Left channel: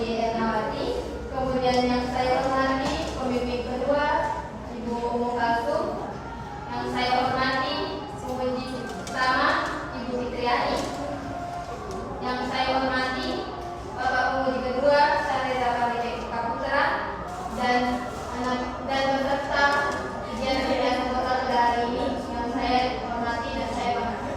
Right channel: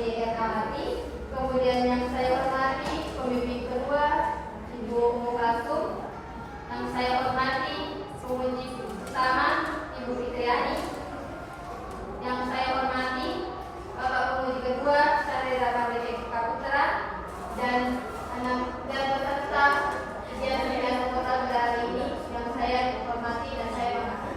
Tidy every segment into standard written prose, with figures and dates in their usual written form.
Edi Ernawati. Kemudian yang saya hormati pembimbing kedua Ibu Umu Kalsum. Yang saya hormati pemuji utama Ibu Fitriani. Yang saya hormati Bapak pemuji kedua Sarjana Politek Kaputra dan peserta ujian pilihan proposal pada hari ini yang saya hormati dan saya hormati.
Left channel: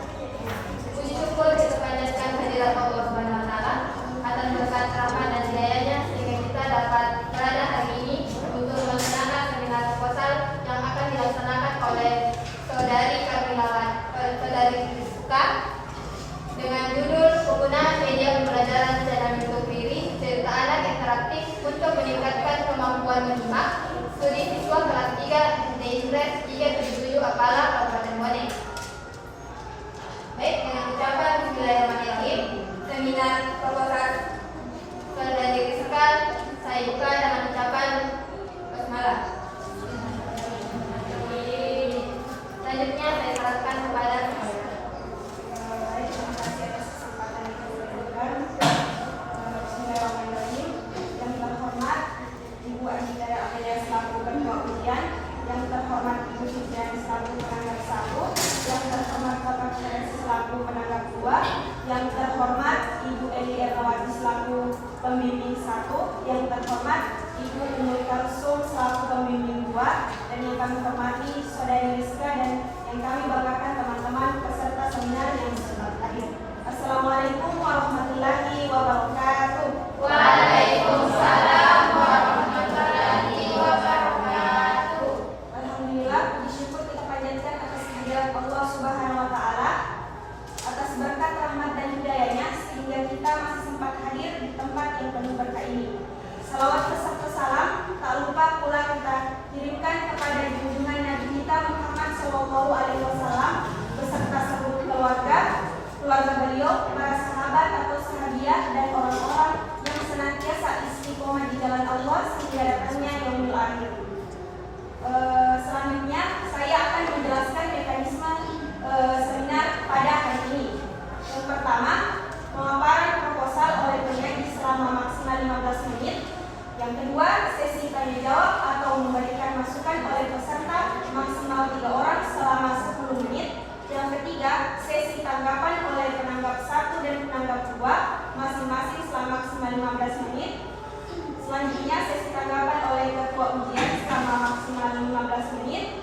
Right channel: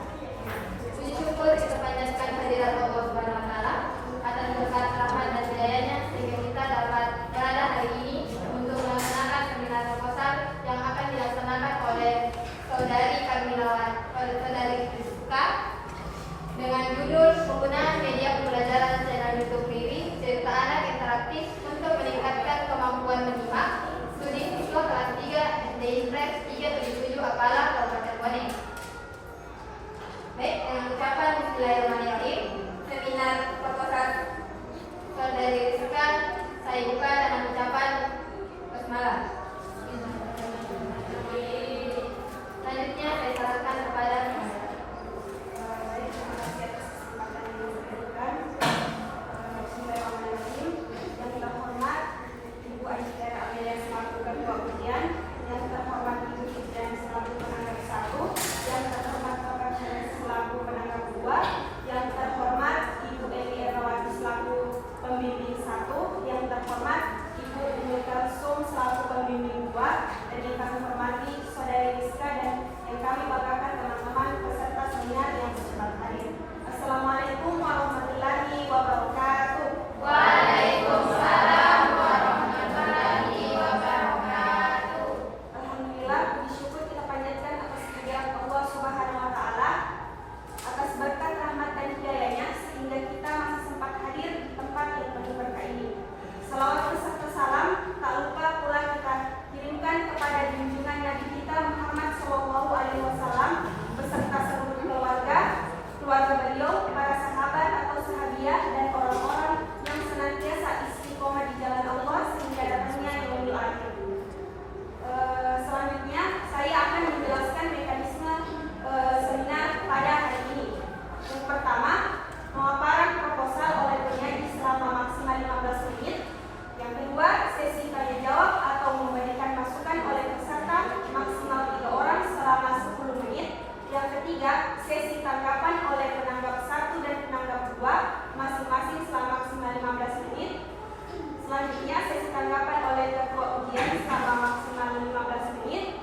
Puji syukur kita panjatkan kehadirat Allah Subhanahu wa taala atas berkat rahmat dan hidayahnya sehingga kita dapat berada hari ini untuk melaksanakan seminar proposal yang akan dilaksanakan oleh saudari Rizka dengan judul penggunaan media pembelajaran secara mengikuti serta anak interaktif untuk meningkatkan kemampuan menyimak studi siswa kelas 3 SD Impres 377 Apala Kabupaten Bone. Baik, dengan ucapan Bismillahirrahmanirrahim, seminar proposal saudari Rizka saya buka dengan ucapan basmalah. Selanjutnya saya serahkan kepada terima kasih atas kesempatan yang diberikan. Bismillahirrahmanirrahim. Yang terhormat Ibu Anjitara Amelia selaku Ketua Ujian, yang terhormat Ibu Fitriani selaku penanggap 1, yang terhormat Bapak Ferensi selaku penanggap 2, yang terhormat Ibu Edi Ernawati selaku pembimbing 1, yang terhormat Ibu Umu Kalsum selaku pembimbing 2, dan yang kami hormati Saudari Rizka dan yang kami banggakan teman-teman peserta seminar yang sempat hadir. Assalamualaikum warahmatullahi wabarakatuh. Waalaikumsalam warahmatullahi wabarakatuh. Alhamdulillah, puji syukur kita panjatkan atas kehadirat Allah Subhanahu wa taala atas berkat rahmat dan hidayahnya sehingga kita masih sempat hadir di tempat yang penuh berkah ini. Salawat beserta salam tak lupa pula kita kirimkan kepada junjungan Nabi kita Muhammad SAW beserta seluruh keluarga beliau, para sahabat atau sahabiah dan orang-orang yang senantiasa istiqomah di jalan Allah sehingga datangnya yaumul akhir. Selanjutnya saya akan menjelaskan mekanisme seminar pada hari ini. Yang pertama, pemaparan proposal oleh penyaji selama maksimal 15 menit. Yang kedua, sesi tanya jawab atau memberikan masukan oleh peserta maksimal 3 orang selama 10 menit. Yang ketiga, sesi tanggapan oleh penanggap 1 dan penanggap 2 masing-masing selama maksimal 15 menit. Selanjutnya, sesi tanggapan oleh ketua ujian selama maksimal 15 menit.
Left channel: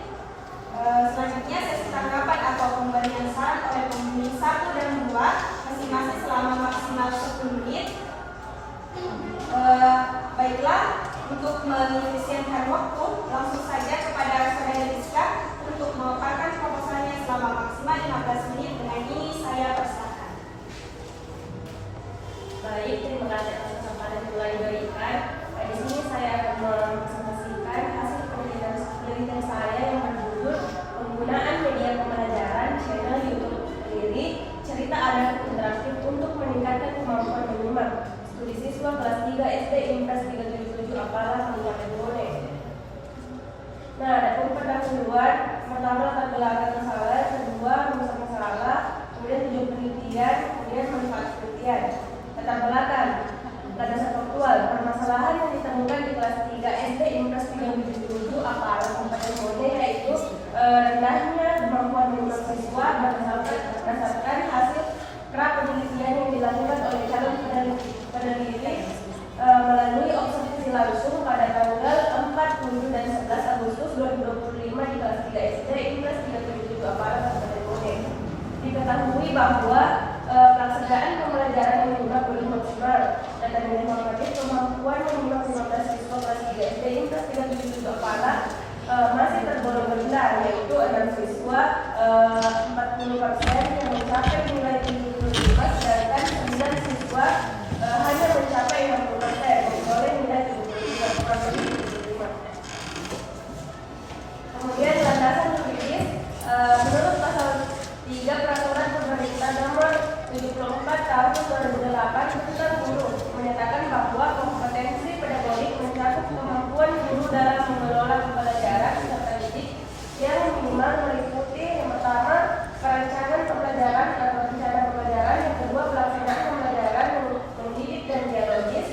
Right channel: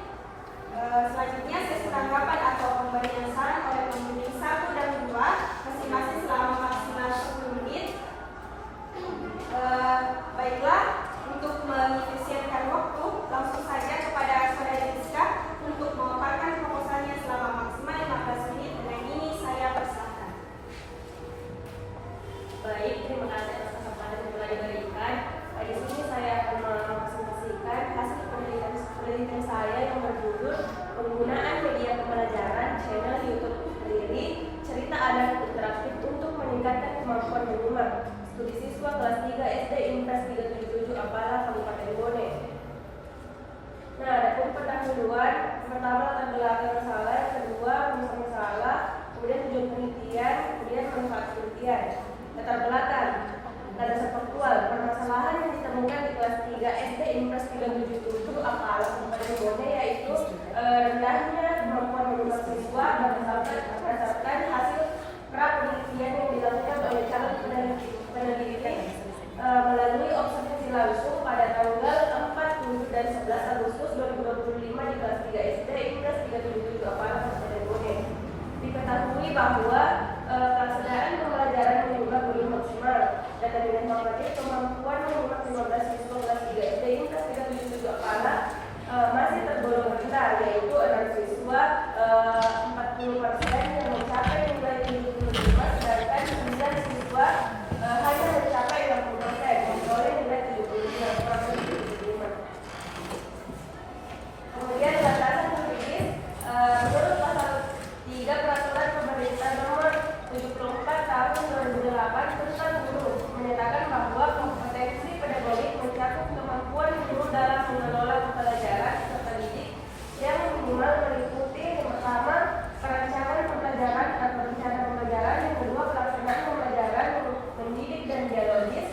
Selanjutnya, sesi tanggapan atau pemberian saran oleh pembimbing 1 dan 2 masing-masing selama maksimal 10 menit. Baiklah, untuk mengefisienkan waktu, langsung saja kepada Saudari Rizka untuk memaparkan proposalnya selama maksimal 15 menit. Dengan ini saya persilakan. Baik, terima kasih atas kesempatan yang telah diberikan. Di sini saya akan mempresentasikan hasil penelitian saya yang berjudul penggunaan media pembelajaran channel YouTube sendiri, cerita anak interaktif untuk meningkatkan kemampuan menyimak. Studi siswa kelas 3 SD Impres 377 Apala Kabupaten Bone. Nah, ada pendahuluan. Pertama latar belakang masalah, yang kedua rumus masalah, kemudian tujuan penelitian, kemudian manfaat penelitian. Latar belakang, landasan faktual, permasalahan yang ditemukan di kelas 3 SD Impres 377 Apala Kabupaten Bone yaitu rendahnya kemampuan menyimak siswa berdasarkan hasil pra-penelitian yang dilakukan oleh calon peneliti melalui observasi langsung pada tanggal 4, 7, dan 11 Agustus 2025 di kelas 3 SD Impres 377 Apala Kabupaten Bone. Diketahui bahwa pelaksanaan pembelajaran menyimak belum maksimal. Data dan informatif kemampuan menyimak 15 siswa kelas 3 SD Impres 377 Apala masih tergolong rendah, yaitu 6 siswa 40% yang mencapai nilai 75, sedangkan 9 siswa hanya mencapai 60% memperoleh nilai 75. Kemudian landasan empiris, menurut pasal 3 Peraturan Pemerintah Nomor 74 Tahun 2008 tentang guru menyatakan bahwa kompetensi pedagogik mencakup kemampuan guru dalam mengelola pembelajaran serta didik yang minimal meliputi yang pertama perencanaan pembelajaran atau rencana pembelajaran, yang kedua pelaksanaan pembelajaran mendidik dan dialogis,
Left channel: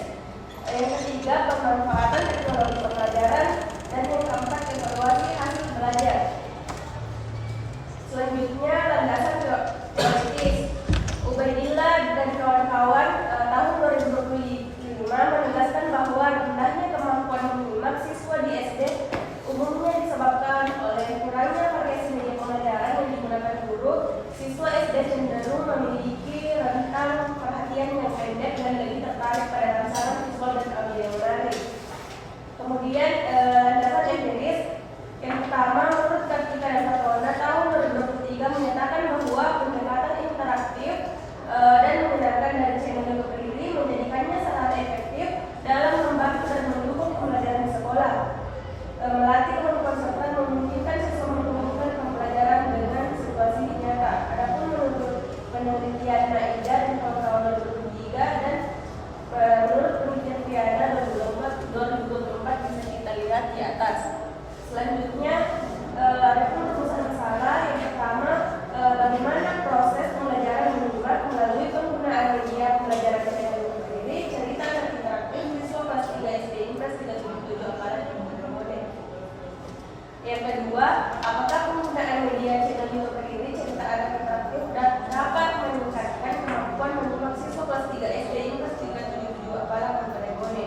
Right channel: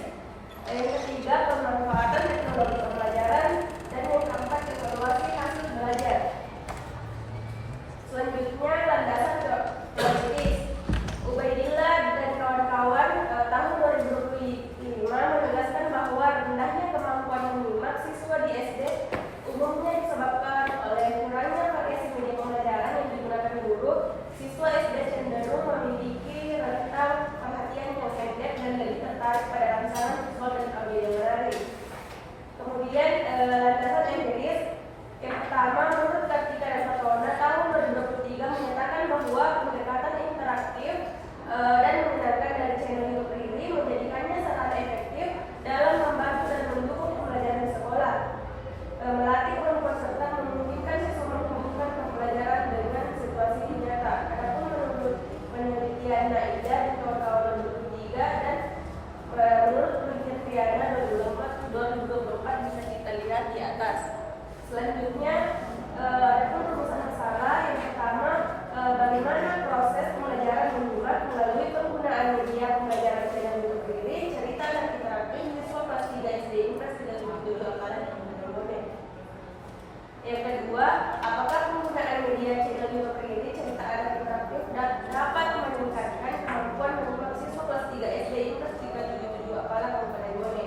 kedua, apakah penggunaan media channel YouTube ini cerita anak interaktif dapat meningkatkan kemampuan menyimak siswa kelas 3 SD Inggris 377 Apalah Kabupaten Bone.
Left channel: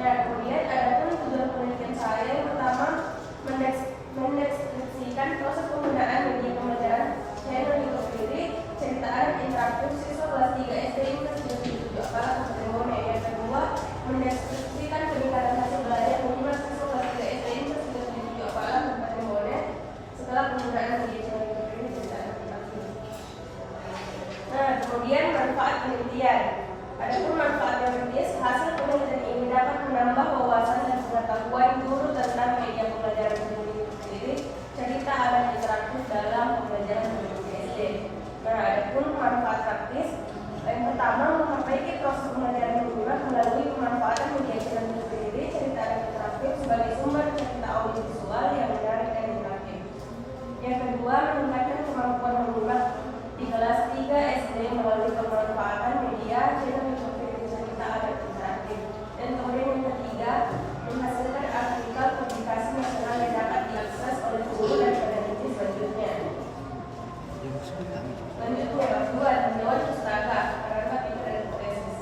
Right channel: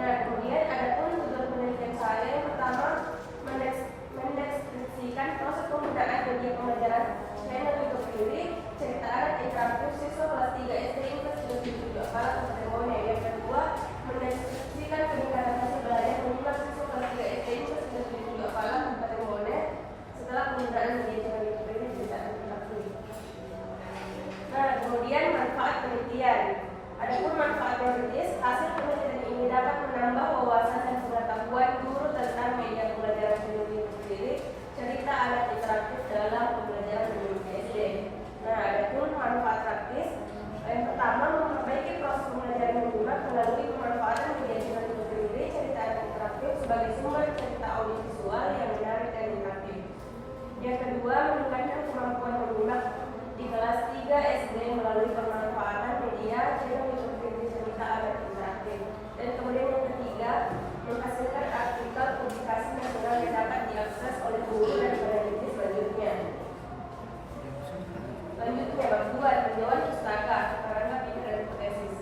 Nah, kemudian adapun tujuan penelitian saya yang pertama mendeskripsikan proses penggunaan media pembelajaran channel YouTube sendiri cerita anak interaktif siswa kelas 3 SD Inggris 377 Apalah Kabupaten Bone. Yang kedua, mendeskripsikan peningkatan hasil belajar menyimak siswa kelas 3 SD Inggris 377 Apalah Kabupaten Bone setelah penggunaan media channel YouTube ini cerita anak interaktif. Nah, kemudian manfaat penelitian. Adapun manfaat teoritis, hasil penelitian ini dapat menambah wawasan dan pengetahuan guru tentang media pembelajaran mendidik sendiri, cerita anak interaktif dalam pembelajaran mendidik SD. Nah, adapun manfaat praktis, yang pertama memperbaiki proses pembelajaran menyimak melalui pemanfaatan media channel sendiri, cerita anak interaktif sebagai sumber cerita audiovisual yang menarik dan interaktif. Yang kedua, meningkatkan kemampuan menyimak di kelas 3 SD melalui pemanfaatan media channel YouTube cerita anak interaktif. Dan kemudian yang ketiga, menghasilkan artikel publikasi nasional yang dapat diakses oleh guru dan peneliti selanjutnya. Selanjutnya, kedua, tinjauan pustaka karena pintar dan hipotesis.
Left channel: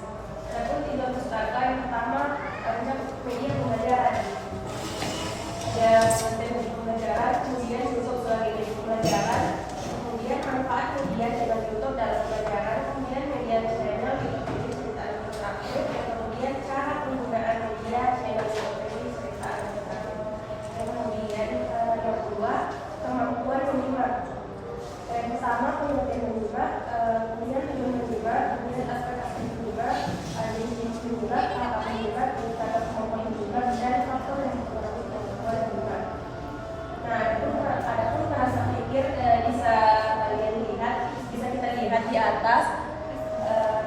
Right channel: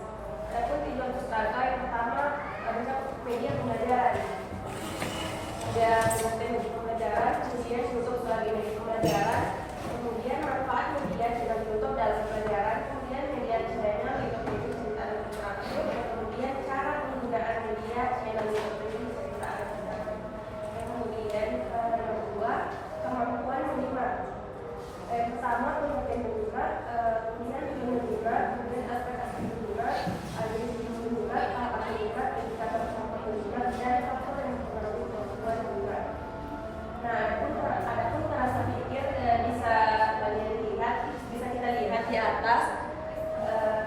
Adapun tinjauan pustaka yang pertama adalah media pembelajaran. Ada media pembelajaran, kemudian YouTube sebagai media pembelajaran, kemudian manfaat media channel YouTube dalam pembelajaran, kemudian media channel YouTube cerita anak interaktif, kemudian cara penggunaan media channel YouTube cerita anak interaktif. Kemudian yang kedua, kemampuan menyimak. Yang pertama, penelitian menyimak, kemudian tujuan menyimak, kemudian aspek-aspek menyimak, ada jenis menyimak, tahap menyimak, indikator kemampuan menyimak, dan faktor yang mempengaruhi kemampuan menyimak. Nah, adapun terasa pikir bisa kita lihat di atas.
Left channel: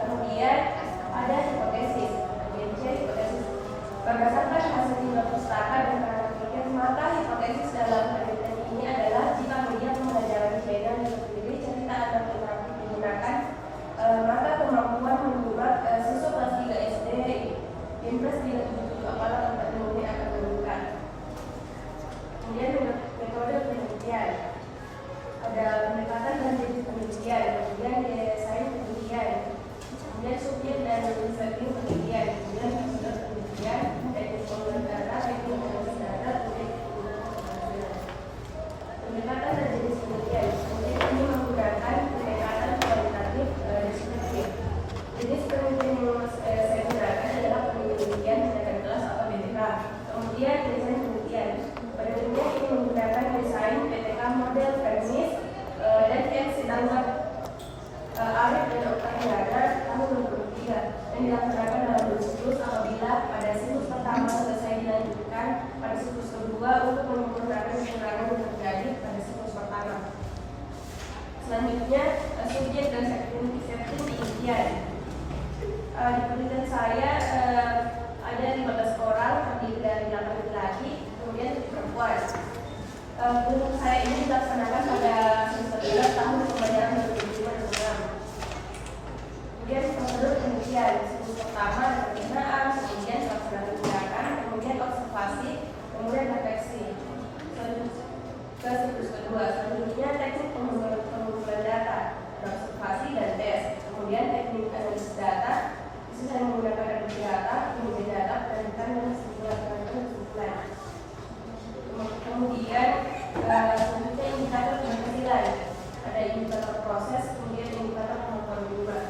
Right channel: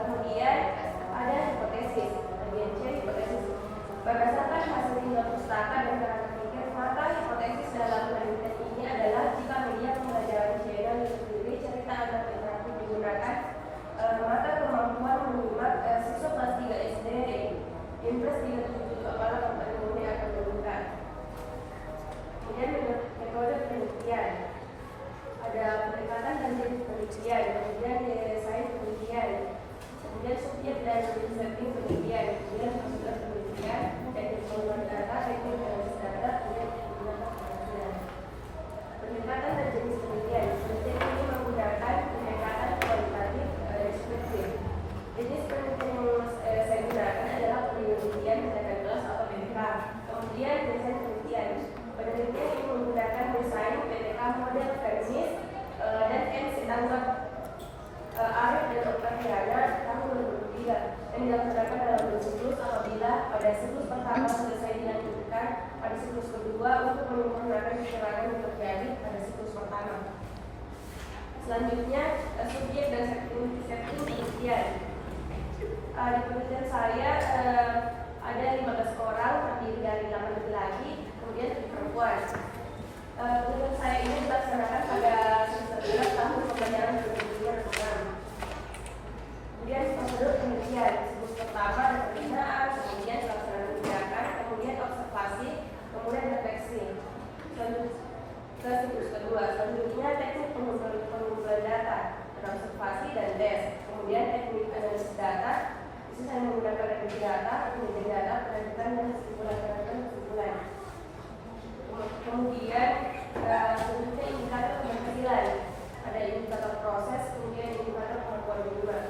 Kemudian ada hipotesis. Hipotesis berdasarkan hasil tinjauan pustaka dan terasa pikir, maka hipotesis dalam penelitian ini adalah jika media pembelajaran channel sendiri cerita anak interaktif digunakan, maka kemampuan menyimak siswa kelas 3 SD Inggris 377 Apalah Kabupaten Bone akan meningkat. Kemudian metode penelitian, ada pendekatan dan jenis penelitian, kemudian daya sains penelitian, kemudian subjek dan setting penelitian, kemudian metode penelitian, teknik pengolahan data, teknik analisis data, kemudian penggunaan penelitian. Pendekatan dan jenis penelitian, kemudian ini menggunakan pendekatan kualitatif deskriptif. Jenis penelitian yang saya gunakan adalah penelitian tindakan kelas atau BTK. Kemudian desain penelitian. Penelitian ini menggunakan desain BTK model Vernis dan MC Tanggap Arif dan Oktaviana tahun 2003 yang dilaksanakan dalam siklus apabila pada siklus pertama selesai dilanjutkan pada siklus kedua untuk menyempurnakan kekurangan yang terjadi pada siklus pertama. Selanjutnya, subjek dan setting penelitian. Di penelitian saya ada 15 orang terdiri dari 8 laki-laki, kemudian 7 perempuan. Penelitian saya ini dilaksanakan pada semester 11 tahun pembelajaran 2005-2006. Kemudian prosedur penelitian, siklus pertama dan pembinaan, kemudian pelaksanaan tindakan, kemudian observasi, kemudian refleksi. Ke siklus kedua, selanjutnya teknik pengumpulan data, observasi dan tes, kemudian teknik analisis data. Itu saya menggunakan data, kemudian data, dan kesimpulan. Kemudian selanjutnya indikator keberhasilan, ada indikator proses, kemudian indikator kemampuan menyimak.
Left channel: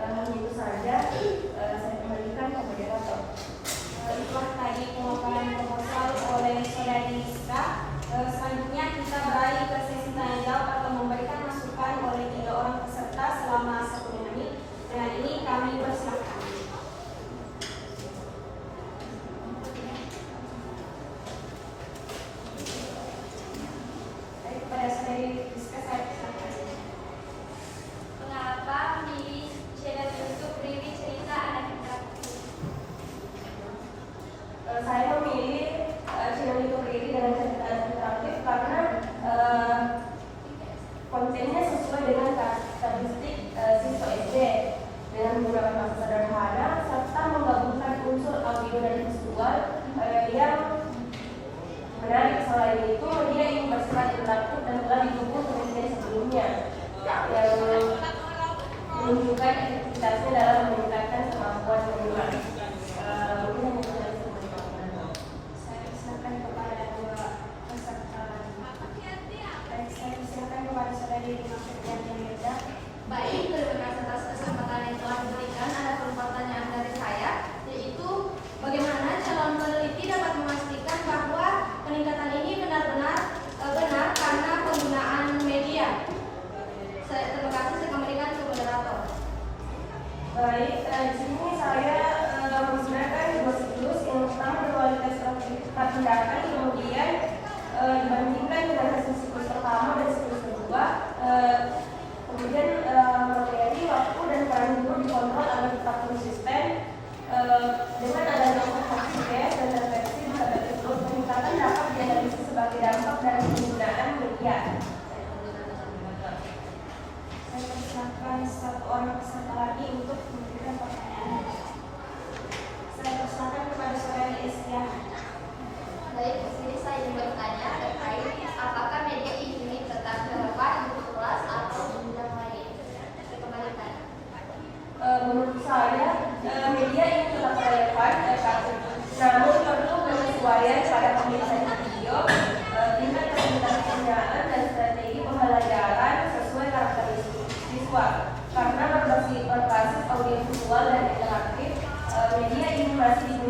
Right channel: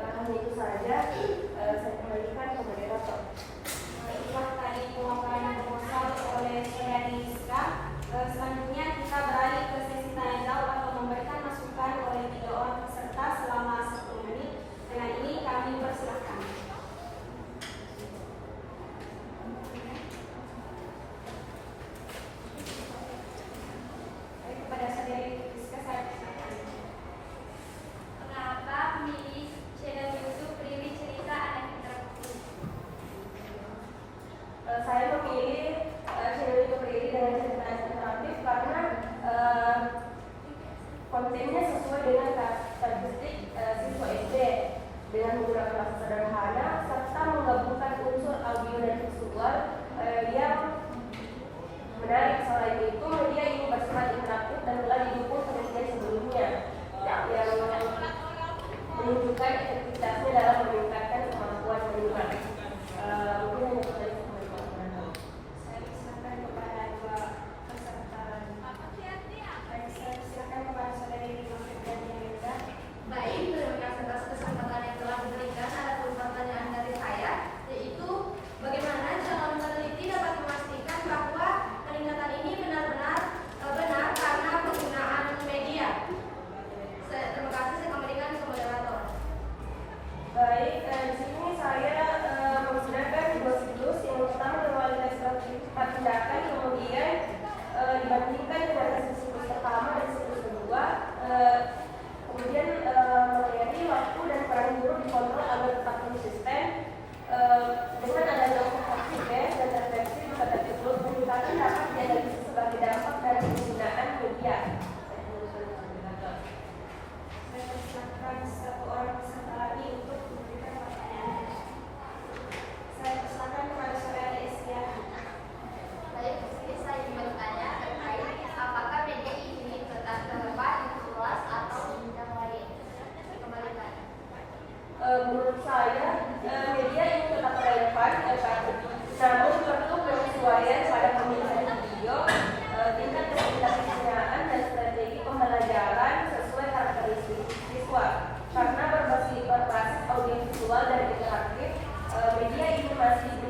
Hanya itu saja, saya kembalikan ke moderator. Itulah tadi pemaparan proposal oleh saudari Rizka. Selanjutnya kita beralih ke sesi tanya jawab atau memberikan masukan oleh 3 orang peserta selama 1 menit. Dengan ini kami persilakan. Baik, kepada saudari Rizka saya persilakan. Mengapa memilih channel YouTube Riri Cerita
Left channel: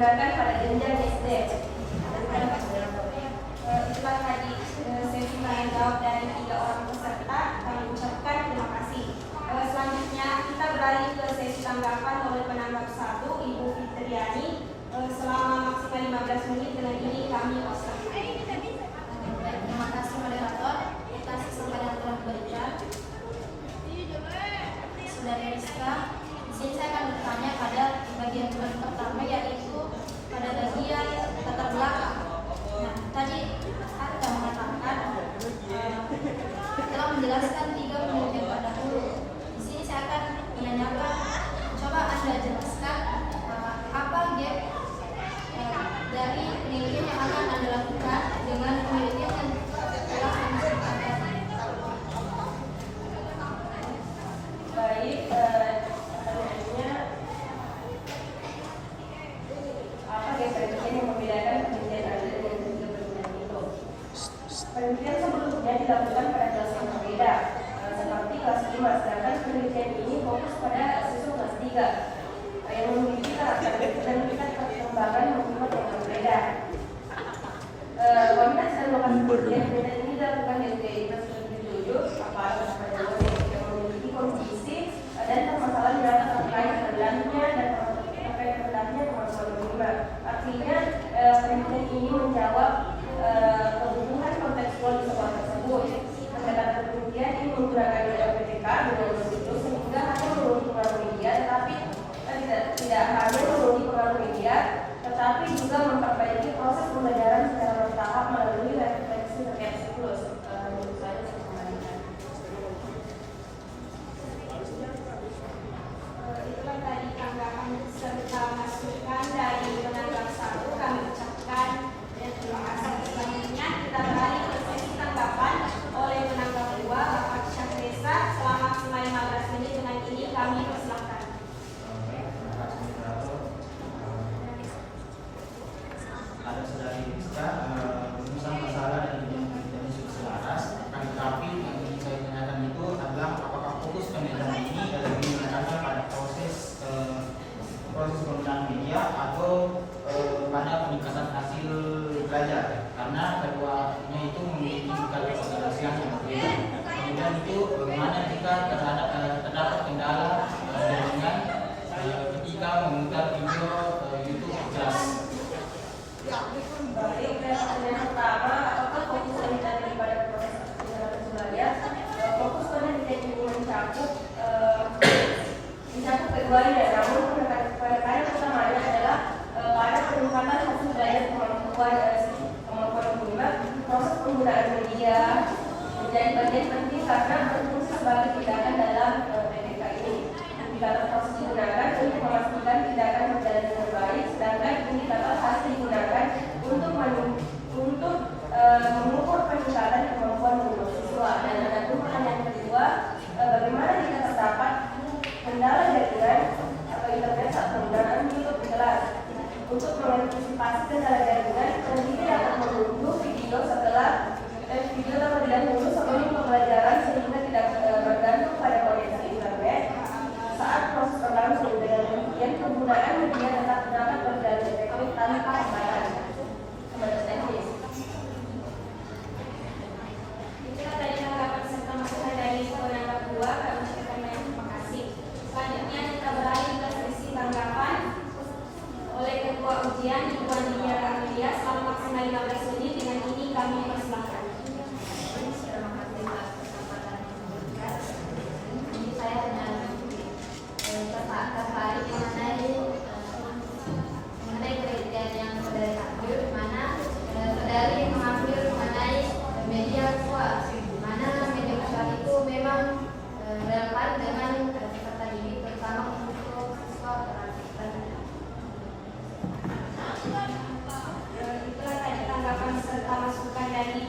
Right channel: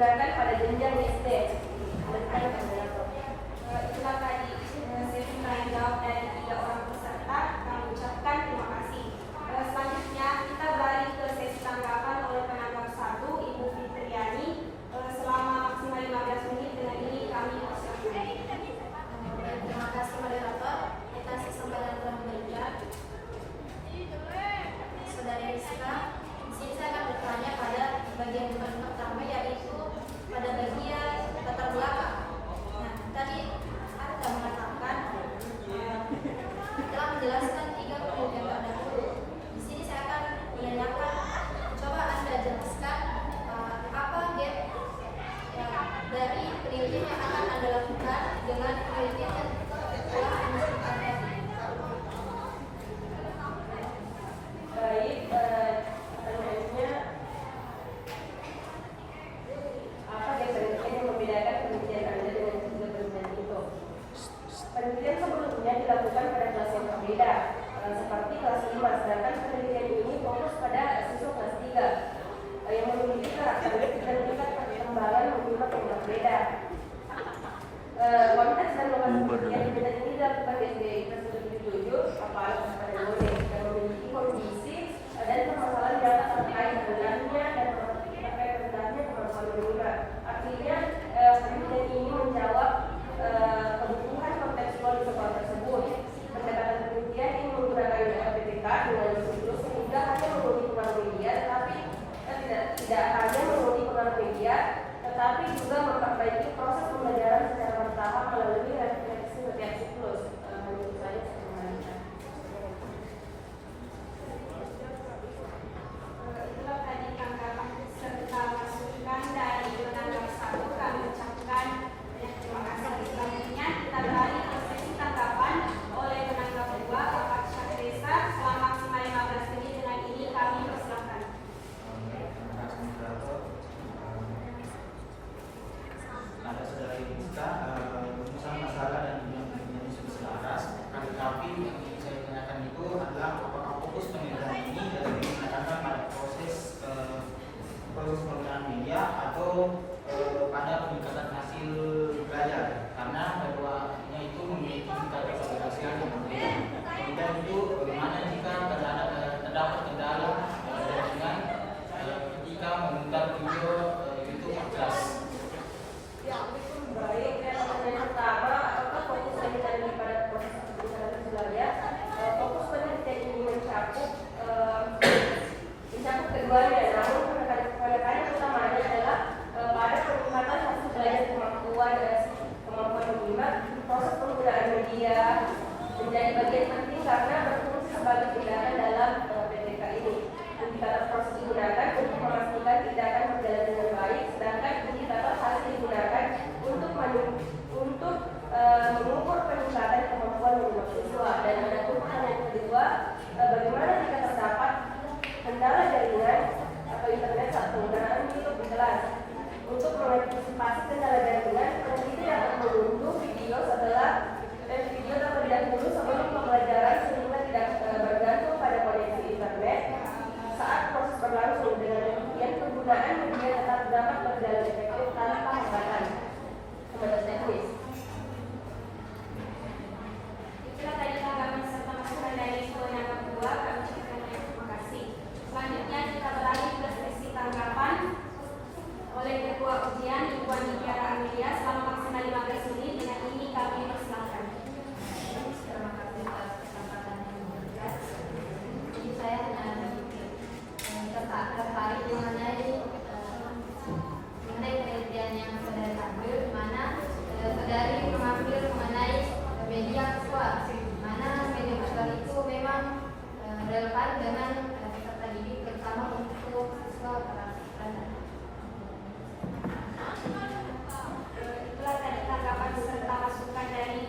digunakan pada jenjang SD. Itulah tadi sesi tanya jawab dari 3 orang peserta. Kami ucapkan terima kasih. Selanjutnya kita beralih ke sesi tanggapan oleh penanggap 1, Ibu Fitriani, selama maksimal 15 menit. Dengan ini kami persilakan. Baik, terima kasih moderator atas kesempatan yang telah diberikan. Saudara Rizka, di sini saya akan bertanya pada bagian pertama, yaitu pada bagian latar belakang. Nah, tadi Anda mengatakan telah menjelaskan 3 penelitian terdahulu. Di sini saya akan menanyakan, coba Anda jelaskan apa gap dari penelitian yang akan Anda lakukan dengan penelitian yang telah Anda lakukan tadi. Baik, pertanyaannya apa penelitian yang membedakan penelitian Anda dengan penelitian itu? Penelitian sebelumnya dilakukan pada kelas yang berbeda, seperti kelas 5, sedangkan penelitian ini fokus pada siswa kelas 3 yang memiliki karakteristik dan tingkat perkembangan motivasi yang berbeda. Konteks dan lokasi penelitian ini dilakukan di SD tersebut dituju pada dosen yang memiliki kondisi dan permasalahan nyata terkait rendahnya dan terkait rendahnya kemampuan menerima. Artinya penelitian ini menjawab kebutuhan kontekstual di sekolah tersebut. Pendekatan penelitian ini menggunakan PPK dengan itu sehingga hanya menguji pengaruh media, tetapi tidak hanya menguji pengaruh media, tetapi juga memperbaiki proses pembelajaran secara bertahap melalui refleksi siklus. Menurut saya Itulah tadi tanggapan serta masukan dari penanggap 1. Kami ucapkan terima kasih. Selanjutnya kita beralih ke sesi tanggapan oleh penanggap 2, Bapak Syahreza, selama maksimal 15 menit. Dengan ini kami persilakan. Ada saudari Rizka, urusan masalah dan penelitian sudah selaras. Tapi yang ingin saya tanyakan itu adalah apakah fokus penelitian ini digunakan pada proses penggunaan media atau pada peningkatan hasil belajar, karena keduanya itu memiliki karakteristik yang berbeda. Kemudian itu bagaimana jika terdapat kendala jaringan ketika memutar video YouTube kelas. baik, yang pertama, apakah fokus penelitian pada proses peningkatan belajar? Fokus penelitian ini mencakup keduanya, namun penekanan utamanya adalah pada peningkatan hasil belajar kemampuan menerima. Proses penggunaan media menjadi bagian penting karena berfungsi sebagai tindakan dalam PPK ini. Indikator proses digunakan untuk memastikan tindakan berjalan dengan baik, sedangkan indikator hasil digunakan untuk mengukur peningkatan kemampuan menerima siswa. Dan ada pertanyaan kedua, bagaimana jika terdapat kendala jaringan atau internet saat penggunaan YouTube jelas? Untuk mengantisipasi kendala jaringan, peneliti dapat mengunduh video terlebih dahulu sebelum pembelajaran sehingga tidak bergantung pada koneksi internet. Saat proses berlangsung, dengan demikian penggunaan media tetap dapat berjalan efektif tanpa hambatan. Teknis. Itulah tadi tanggapan serta masukan dari penanggap 2. Kami ucapkan banyak terima kasih. Selanjutnya kita beralih ke sesi tanggapan oleh Ketua Ujian Ibu Andika Media selama maksimal 15 menit. Dengan ini kami persilakan. Ini saya hanya tertarik mengenai penelitian yang saudari ambil, di mana saudari mengambil mengenai media visual, di mana media visual itu memang relevan dengan peserta didik, terutama untuk siswa terakhir. Itulah tadi tanggapan serta masukan dari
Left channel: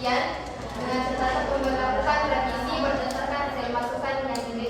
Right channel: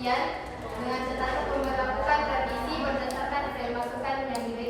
penelitian dengan catatan pembentukan revisi berdasarkan hasil masukan yang diberikan